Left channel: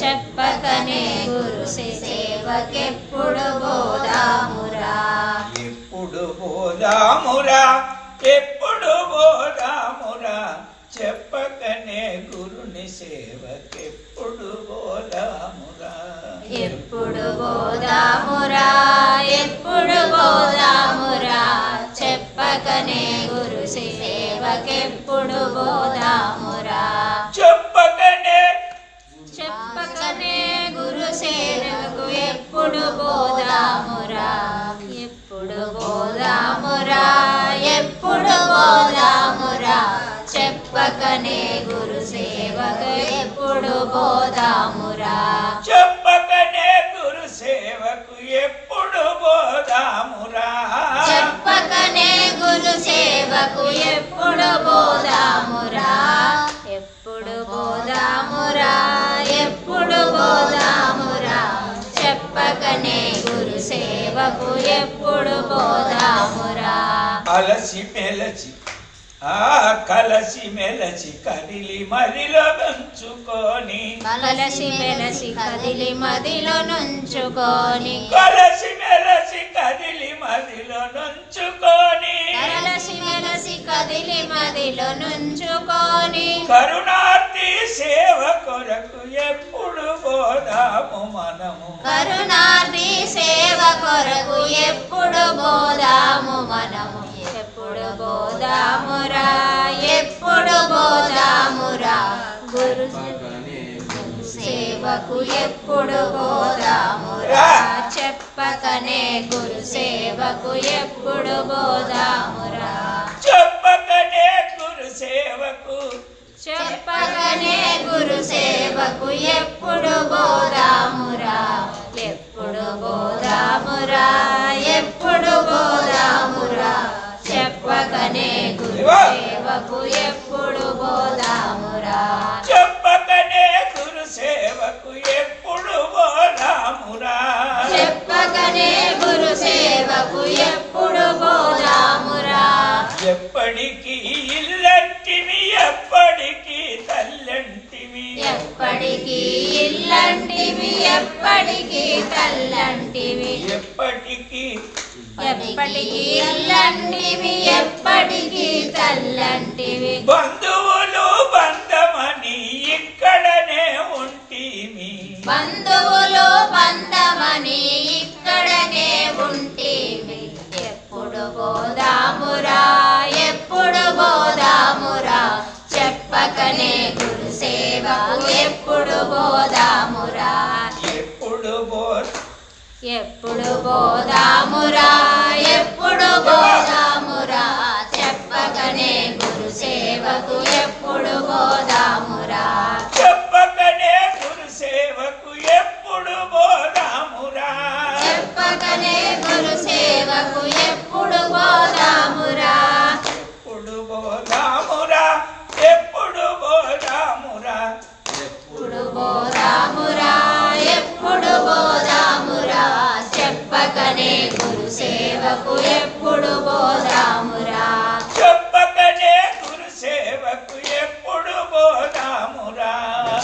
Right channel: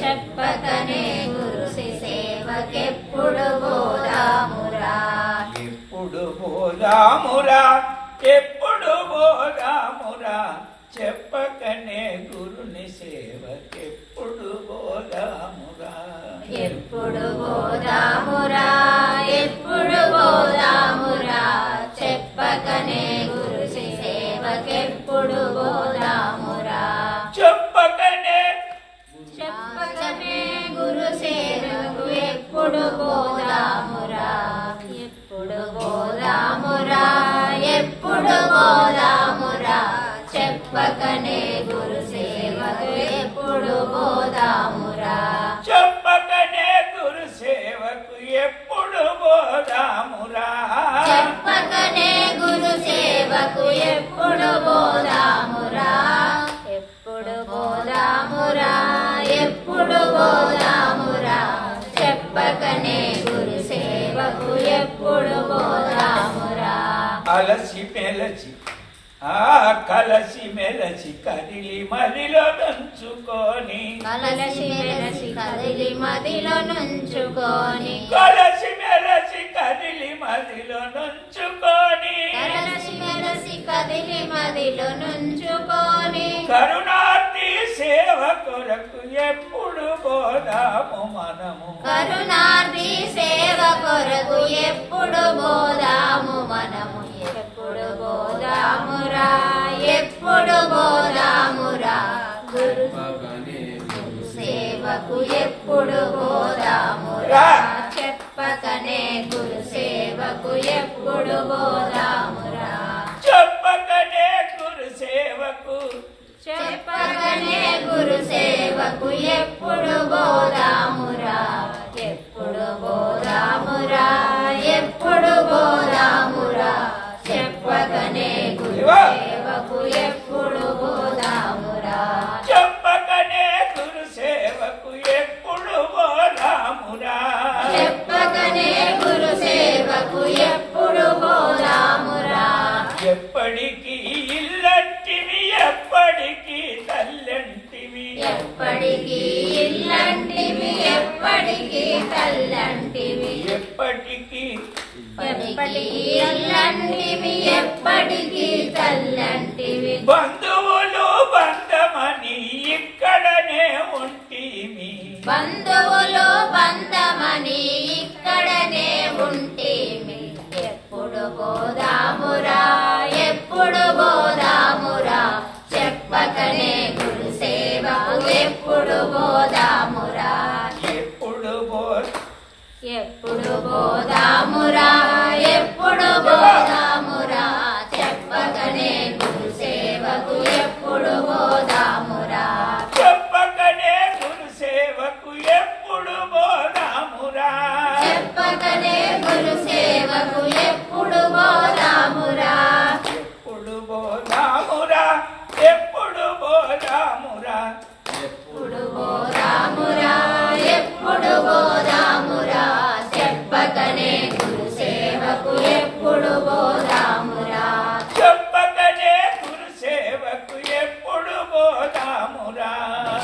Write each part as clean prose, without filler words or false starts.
చెప్పకనే గురు సేవకెప్పుడు బోధామురా. ఎప్పుడు బోధామురా ఎప్పుడు బోధామురా చెప్పకనే గురుని సేవకెప్పుడు బోధామురా. ఎప్పుడు బోధామురా ఎప్పుడు బోధామురా చెప్పకనే గురు సేవకెప్పుడు బోధామురా. చెప్పకనే గురు సేవకు ఎప్పుడు బోధామురా. ఎప్పుడు బోధామురా ఎప్పుడు బోధామురా చెప్పకనే గురు సేవకు ఎప్పుడు బోధామురా. చెప్పకనే గురు సేవకు ఎప్పుడు బోధామురా. చెప్పకనే గురు సేవకు ఎప్పుడు బోధామురా. ఎప్పుడు బోధామురా ఎప్పుడు బోధామురా చెప్పకనే గురు సేవకు ఎప్పుడు బోధామురా. అలసి మెలచి కలసి మెలచి కదిలి మదిలో నుంచుకొని కలసి మెలసి కదిలి మదిలో నుంచుకొని కలసి మెలసి కదిలి మదిలో నుంచుకొని కలసి మెలసి కదిలి మదిలో నుంచుకొని కరుణార్థి సేవ కొరకు ఎప్పుడు బోధాము మనము. కరుణార్థి సేవ కొరకు ఎప్పుడు బోధాము మనము. ఎప్పుడు బోధామురా ఎప్పుడు బోధామురా గురు సేవకు ఎప్పుడు బోధామురా. చెప్పకనే గురు సేవకు ఎప్పుడు బోధామురా. చెప్పకనే గురు సేవకు చెప్పకనే గురు సేవకు ఎప్పుడు బోధామురా. ఎప్పుడు బోధామురా ఎప్పుడు బోధామురా చెప్పకనే గురు సేవకు ఎప్పుడు బోధామురా. చెప్పకనే గురు సేవకు ఎప్పుడు బోధామురా. చెప్పకనే గురు సేవకు ఎప్పుడు బోధామురా. ఎప్పటికీ ఇల్లంటివి ఎప్పటికీ తల్లంటివి ఎప్పటికీ ఇల్లంటివి ఎప్పటికీ తల్లంటివి ఎప్పటికీ ఎప్పటికీ ఇల్లంటివి ఎప్పటికీ తల్లంటివి. బంధువులు బంధమని ఇక్కడనే ఉంటిమి బంధువులు బంధమని ఇక్కడనే ఉంటేమి. ఎప్పుడు బోధామురా ఎప్పుడు బోధామురా చెప్పకనే గురు సేవకు ఎప్పుడు బోధామురా. ఎప్పుడు ఎప్పుడు బోధామురా ఎప్పుడు బోధామురా చెప్పకనే గురు సేవకు ఎప్పుడు బోధామురా. చెప్పకనే గురు సేవకు ఎప్పుడు బోధామురా. చెప్పకనే గురు సేవకు ఎప్పుడు బోధామురా. ఎప్పుడు బోధామురా ఎప్పుడు బోధామురా. ఎప్పుడు బోధామురా ఎప్పుడు బోధామురా చెప్పకనే గురు సేవకు ఎప్పుడు బోధామురా. చెప్పకనే గురు సేవకు ఎప్పుడు బోధామురా.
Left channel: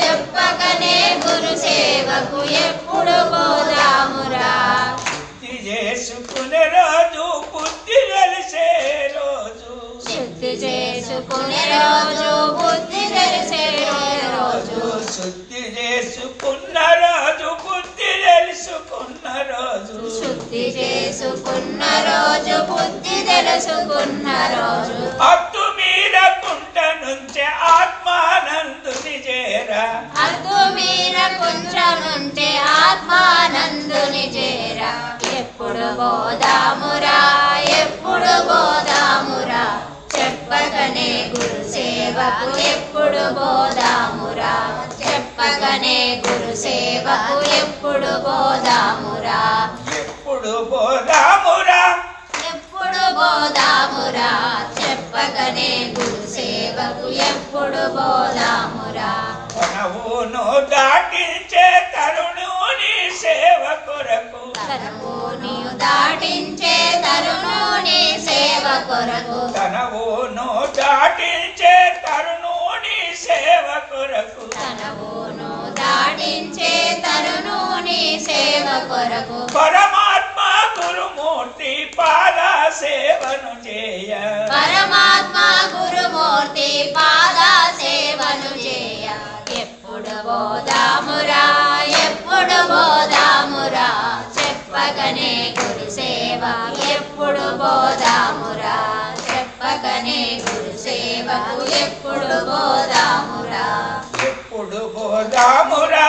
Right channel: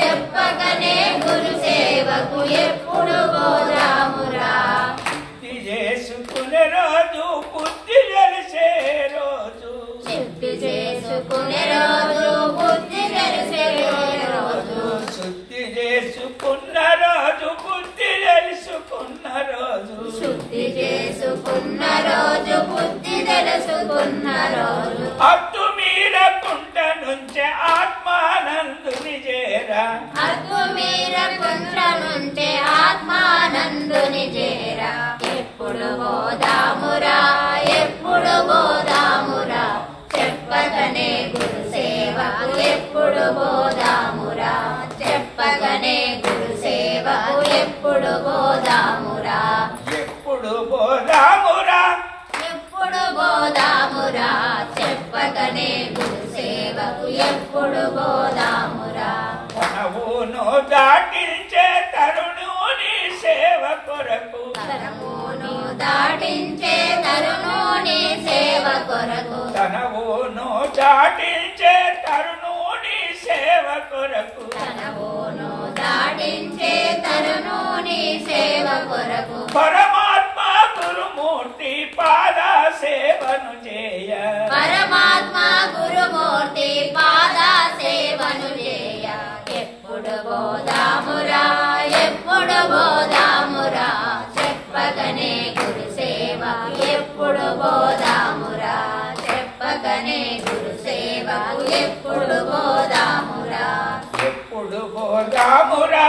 చెప్పకనే గురు సేవకు ఎప్పుడు బోధామురా. శుద్ధి చేసుకునే రోజు బుద్ధి తెలిసే రోజు శుద్ధి చేసుకునే రోజు బుద్ధి తెలిసే రోజు శుద్ధి చేసుకున్న రోజు బుద్ధి తెలుసుకున్న రోజు శుద్ధి చేసుకున్న రోజు బుద్ధి తెలుసుకున్న రోజు అట్టు మీరకుంట నుంచి ఆత్మానందుని చేరా. అద్దు మీర కుంచనుంటే ఆత్మానందుని చేరా. ఎప్పుడు బోధామురా ఎప్పుడు బోధామురా చెప్పకనే గురు సేవకు ఎప్పుడు బోధామురా. చెప్పకనే గురు సేవకు ఎప్పుడు బోధామురా. ఎప్పుడు బోధామురా ఎప్పుడు బోధామురా చెప్పకనే గురు సేవకు ఎప్పుడు బోధామురా. మనవును దాటించే తరుణుని సేవ కొరకు తనవును దాటించే తరుణుని సేవ కొరకు తనవును దాటించే తరుణుని సేవ కొరకు తనవును దాటించే సేవ కొరకు పరమాత్మ గురుమూర్తి పాద సేవను చేయ పరమాత్మ గురుమూర్తి పాద సేవను చేయ ఎప్పుడు బోధామురా ఎప్పుడు బోధామురా చెప్పగనే గురు సేవ ఎప్పుడు బోధామురా చెప్పగనే గురు సేవకు ఎప్పుడు బోధామురా ఎప్పుడు బోధామురా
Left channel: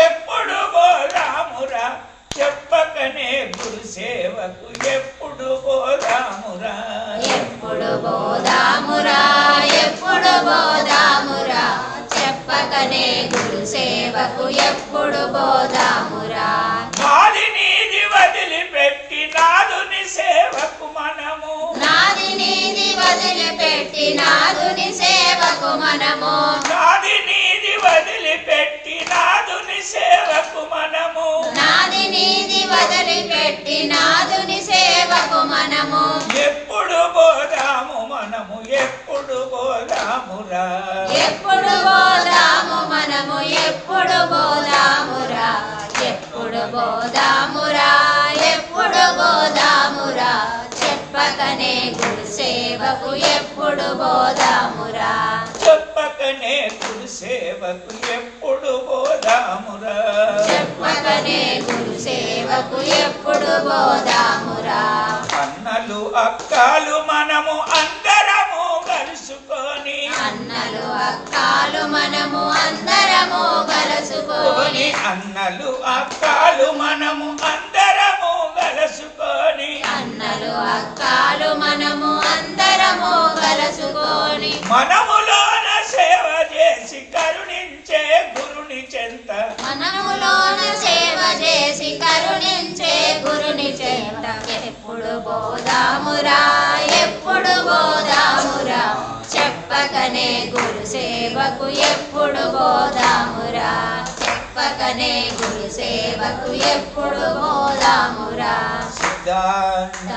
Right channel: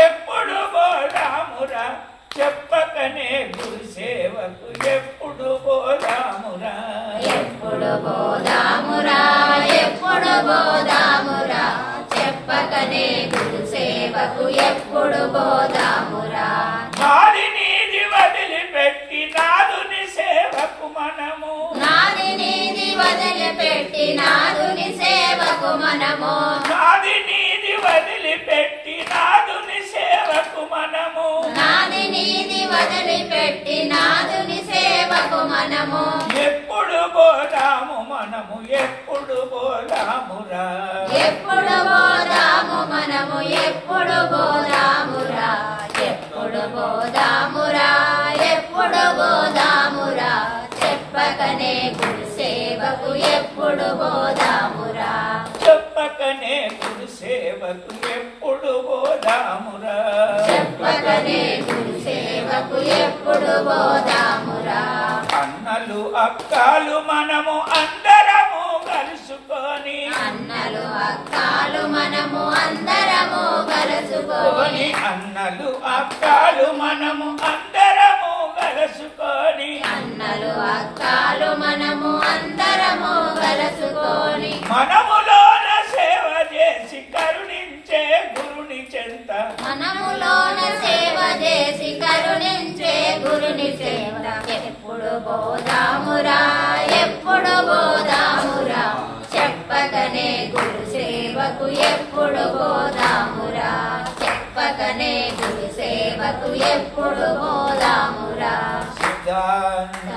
ఎప్పుడు బోధామురా చెప్పకనే గురు సేవకు ఎప్పుడు బోధామురా ఎప్పుడు బోధామురా ఎప్పుడు బోధామురా చెప్పకనే గురు సేవకు ఎప్పుడు బోధామురా నాది నీది వదిలిపెట్టి నాదుని సేవకు మనము నాది నీది వదిలిపెట్టి నాదుని సేవకు మనము నాది నీది వదిలిపెట్టి నాదుని సేవకు మనము నాది నీది వదిలిపెట్టి నాదుని సేవకు మనము ఎప్పుడు బోధాము మనము ఎప్పుడు బోధామురా ఎప్పుడు బోధాము మనము ఎప్పుడు బోధామురా ఎప్పుడు బోధామురా ఎప్పుడు బోధామురా చెప్పకనే గురు సేవకు ఎప్పుడు బోధామురా చెప్పకనే గురు సేవకు ఎప్పుడు బోధామురా చెప్పకనే గురు సేవకు ఎప్పుడు బోధామురా అన్నలు అక్కలు మనము అందరము కలుసుకొని అన్నలు అక్కాలు మనము అందరము కలుసుకొని అన్నలు అక్కలు మనము అందరము కలుసుకొని అన్నలు అక్కాలు మనము అందరము కలుసుకొని మనములోన సేవ చేసి కరుణించే గురుని చెంత మనములోన సేవ చేసి కరుణించే గురుని చెంత ఎప్పుడు బోధామురా ఎప్పుడు బోధామురా చెప్పకనే గురు సేవకు ఎప్పుడు బోధామురా చెప్పకనే గురు సేవకు ఎప్పుడు బోధామురా సిద్ధాంత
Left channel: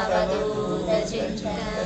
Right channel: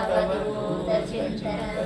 చింతన